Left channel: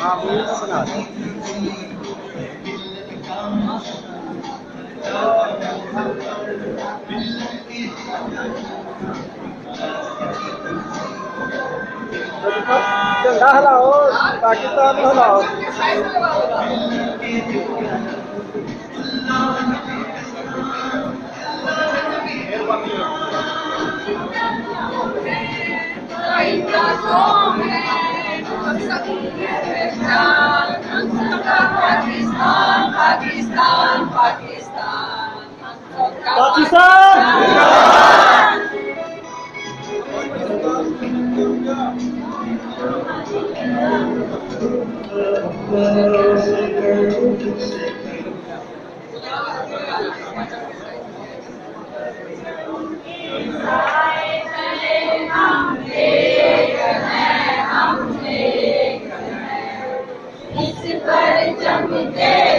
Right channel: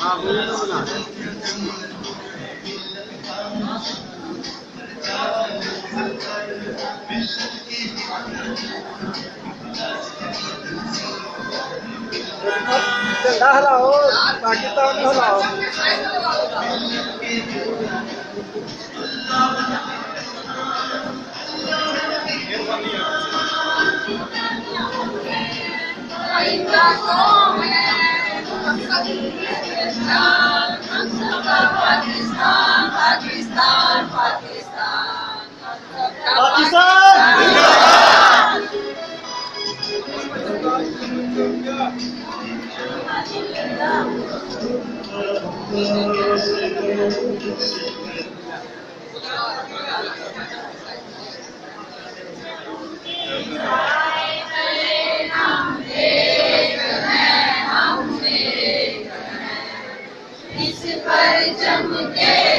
हाँ वो तो बना रहे हैं। झंडा हिलाओ, पाकिस्तान को हिलाओ। पाकिस्तान पाकिस्तान पाकिस्तान इस पर जम के